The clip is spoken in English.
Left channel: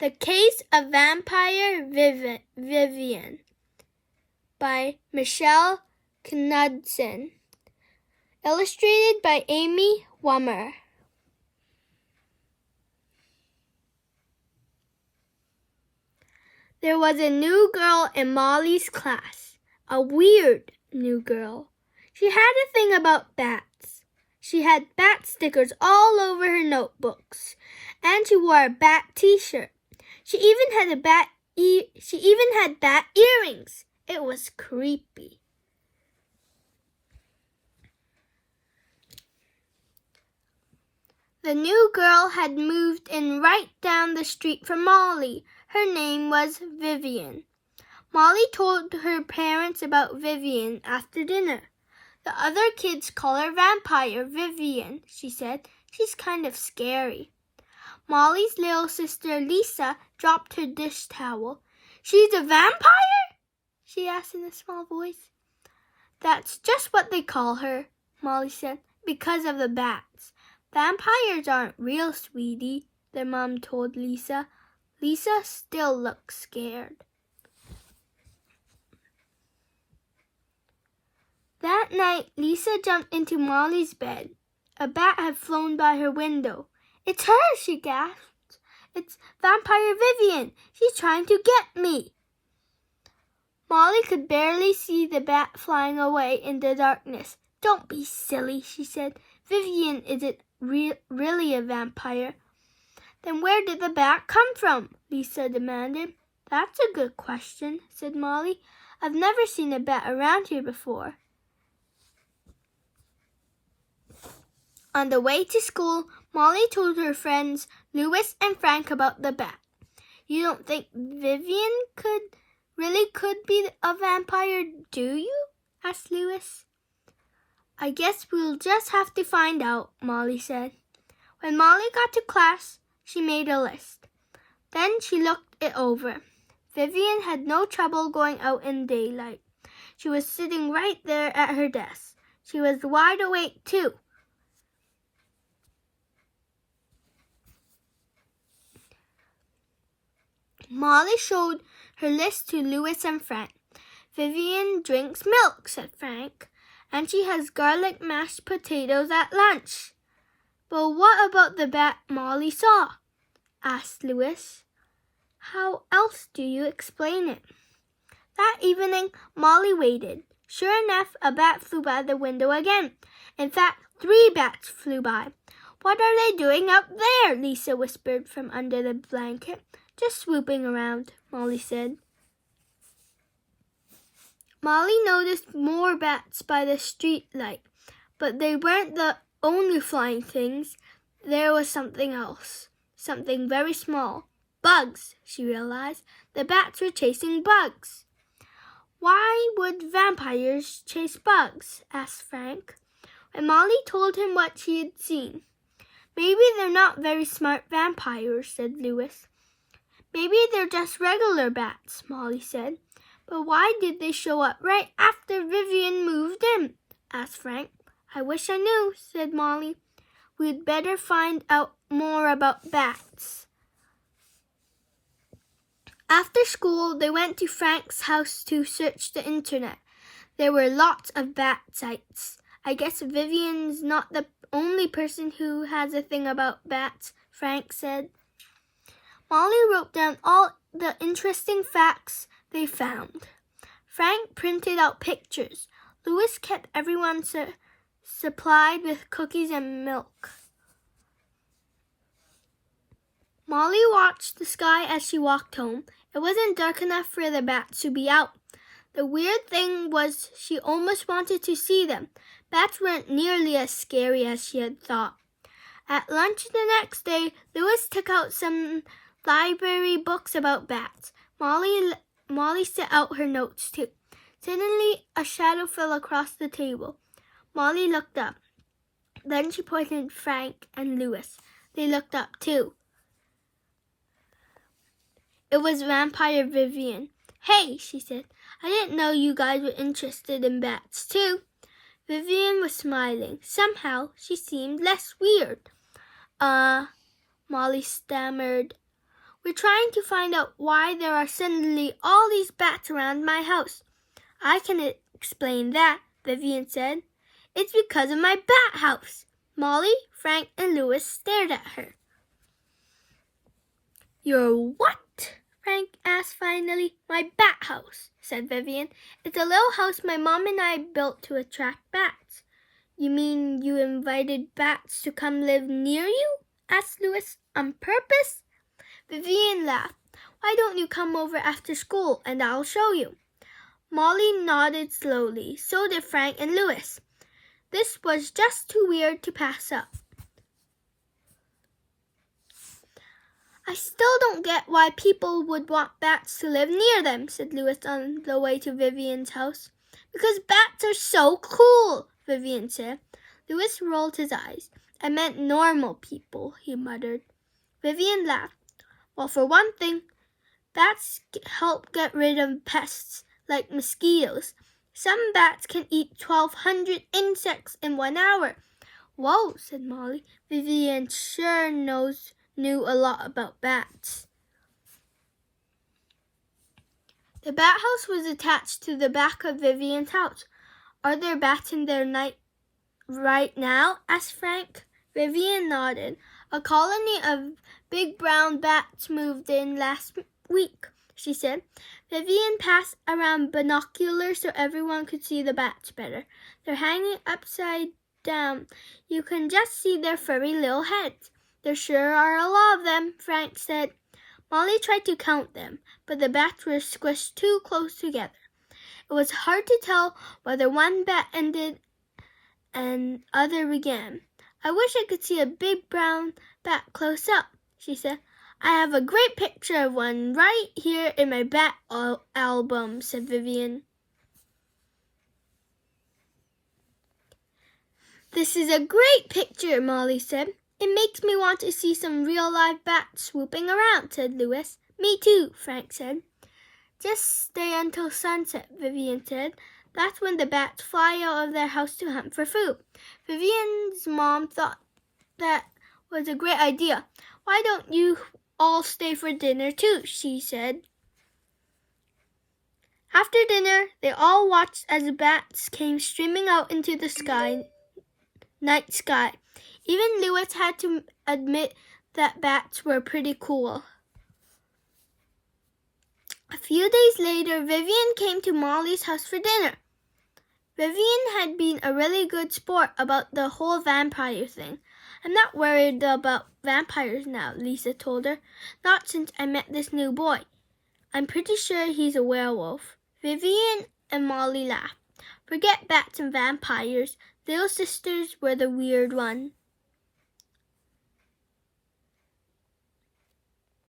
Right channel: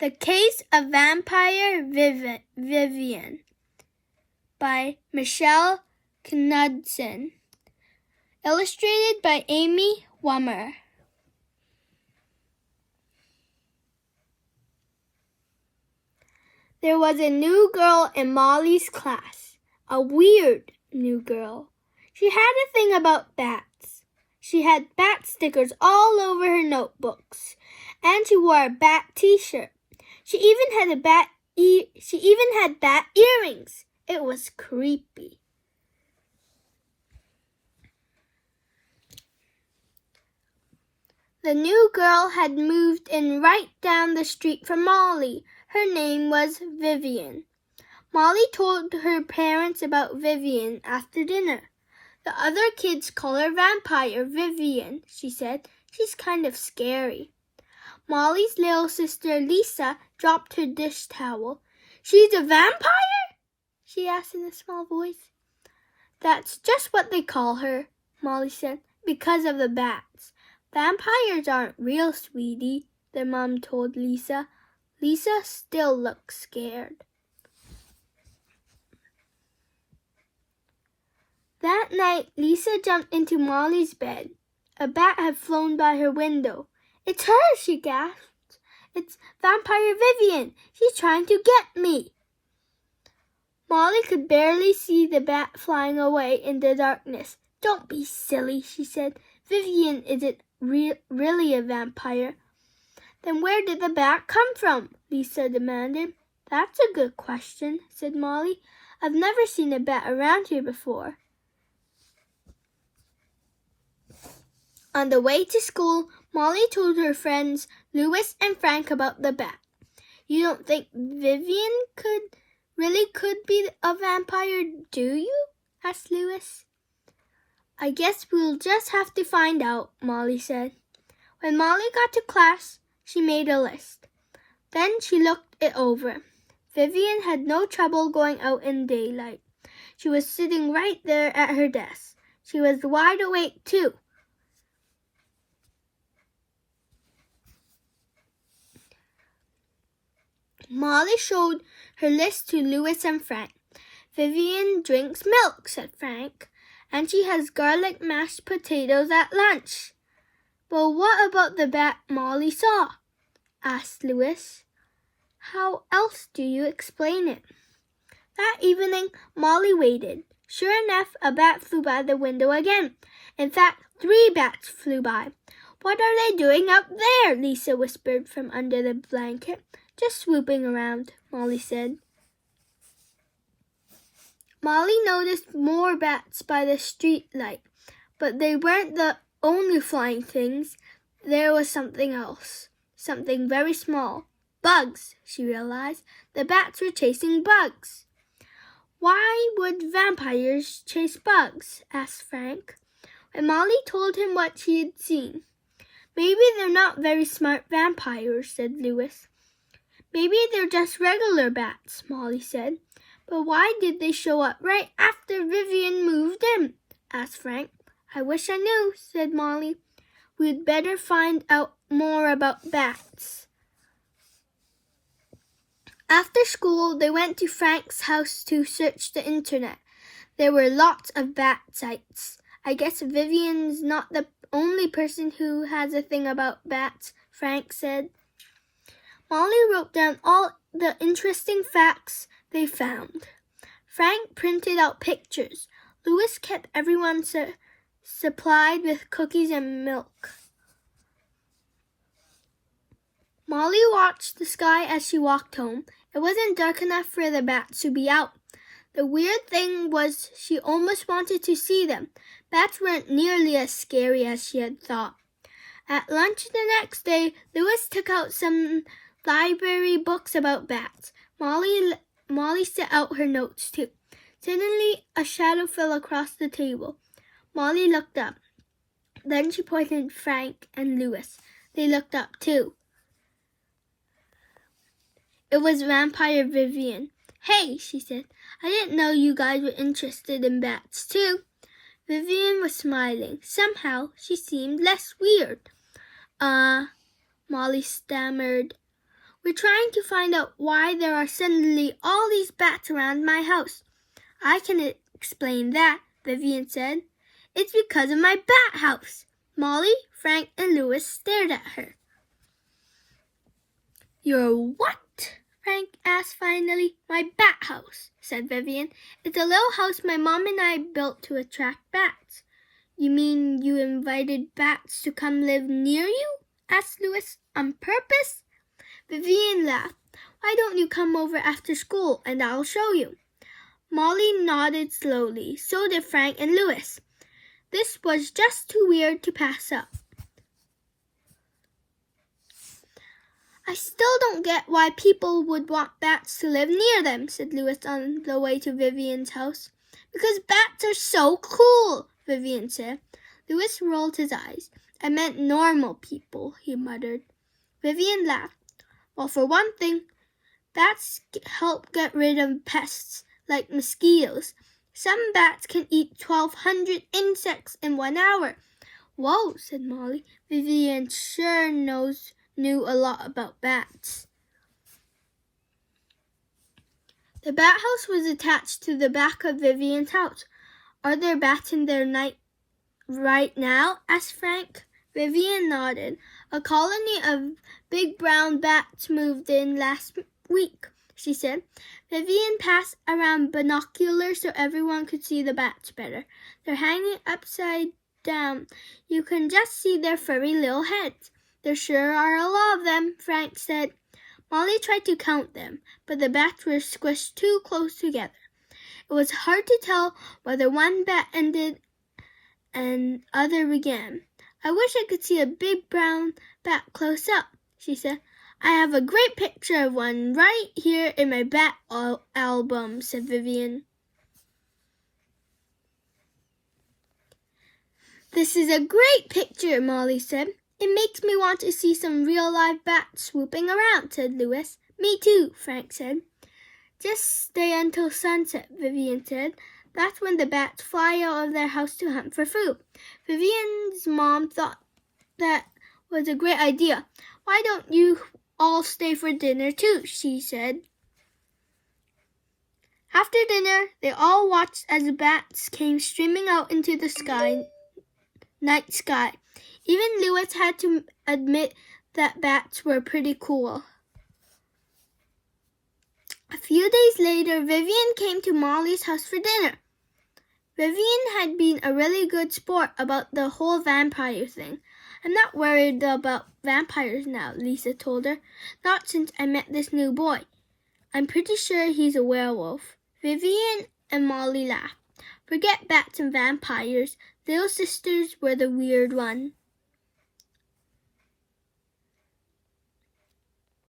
The Case of Vampire Vivian by Michelle Knudsen. Illustrated by Amy Wummer. There was a new girl in Molly's class, a weird new girl. She had a thing about bats. She had bat stickers all over her notebooks, and she wore a bat t-shirt. She even had bat earrings. It was creepy. The new girl had moved in right down the street from Molly. Her name was Vivian. Molly told her parents about Vivian after dinner. The other kids call her Vampire Vivian, she said. She's kind of scary. Molly's little sister Lisa dropped her dish towel. She's a vampire? She asked in a small voice. That's just what they call her, Molly said, because of the bats. Vampires aren't real, sweetie, their mom told Lisa. Lisa still looked scared. That night, Lisa jumped into Molly's bed. A bat had flown by her window. It's her, she gasped. It's Vampire Vivian. She's trying to get me. Molly could barely see the bat flying away in the darkness. Don't be silly, she said. Vivian isn't really a vampire. Then where did the bat come from? Lisa demanded. That's a good question, said Molly. I've never seen a bat around here before. On the way to school, Molly told her friends Louis and Frank about the bat. You don't think Vivian could be a vampire, do you? Asked Louis. I guess we'll just have to find out, Molly said. When Molly got to class, she made a list. Then she looked it over. Vivian had no trouble going out in daylight. She was sitting right there at her desk. She was wide awake, too. Molly showed her list to Louis and Frank. Vivian drinks milk, said Frank, and she has garlic mashed potatoes at lunch. But what about the bat Molly saw? Asked Louis. How else do you explain it? That evening, Molly waited. Sure enough, a bat flew by the window again. In fact, 3 bats flew by. What are they doing up there? Lisa whispered from under the blanket. Just swooping around, Molly said. Molly noticed more bats by the street light, but they weren't the only flying things. There was something else, something very small. Bugs, she realized. The bats were chasing bugs. Why would vampires chase bugs? Asked Frank. When Molly told him what she had seen. Maybe they're not very smart vampires, said Louis. Maybe they're just regular bats, Molly said. But why did they show up right after Vivian moved in? Asked Frank. I wish I knew, said Molly. We'd better find out more about bats. After school, they went to Frank's house to search the internet. There were lots of bat sites. I guess Vivian's not the only person who has a thing about bats, Frank said. Molly wrote down all the interesting facts they found. Frank printed out pictures. Louis kept everyone supplied with cookies and milk. Molly watched the sky as she walked home. It wasn't dark enough for the bats to be out. The weird thing was she almost wanted to see them. Bats weren't nearly as scary as she had thought. At lunch the next day, Louis took out some library books about bats. Molly set out her notes too. Suddenly, a shadow fell across the table. Molly looked up. Then she pointed Frank and Louis. They looked up too. It was Vampire Vivian. Hey, she said. I didn't know you guys were interested in bats too. Vivian was smiling. Somehow, she seemed less weird. Molly stammered. We're trying to find out why there are suddenly all these bats around my house. I can explain that, Vivian said. It's because of my bat house. Molly, Frank, and Louis stared at her. Your what? Frank asked finally. My bat house, said Vivian. It's a little house my mom and I built to attract bats. You mean you invited bats to come live near you? Asked Louis. On purpose? Vivian laughed. Why don't you come over after school and I'll show you? Molly nodded slowly. So did Frank and Louis. This was just too weird to pass up. I still don't get why people would want bats to live near them, said Louis on the way to Vivian's house. Because bats are so cool, Vivian said. Louis rolled his eyes. I meant normal people, he muttered. Vivian laughed. Well, for one thing, bats help get rid of pests like mosquitoes. Some bats can eat 1,200 insects in 1 hour. Whoa, said Molly. Vivian sure knew a lot about bats. The bat house was attached to the back of Vivian's house. Are there bats in there right now? Asked Frank. Vivian nodded. A colony of big brown bats moved in last week, she said. Vivian passed around binoculars so everyone could see the bats better. They're hanging upside down. You can just see their furry little heads. There sure are a lot of them, Frank said. Molly tried to count them, but the bats were squished too close together. It was hard to tell whether one bat ended and other began. I wish I could see a big brown bat close up, she said. I have a great picture of one right here in my bat album, said Vivian. This is a great picture, Molly said. It makes me want to see some real live bats swooping around, said Louis. Me too, Frank said. Just stay until sunset, Vivian said. That's when the bats fly out of their house to hunt for food. Vivian's mom thought that was a great idea. Why don't you all stay for dinner too, she said. After dinner, they all watched as the bats came streaming out into the night sky. Even Louis had to admit that bats were pretty cool. A few days later, Vivian came to Molly's house for dinner. Vivian had been a really good sport about the whole vampire thing. I'm not worried about vampires now, Lisa told her. Not since I met this new boy. I'm pretty sure he's a werewolf. Vivian and Molly laughed. Forget bats and vampires. Those sisters were the weird one.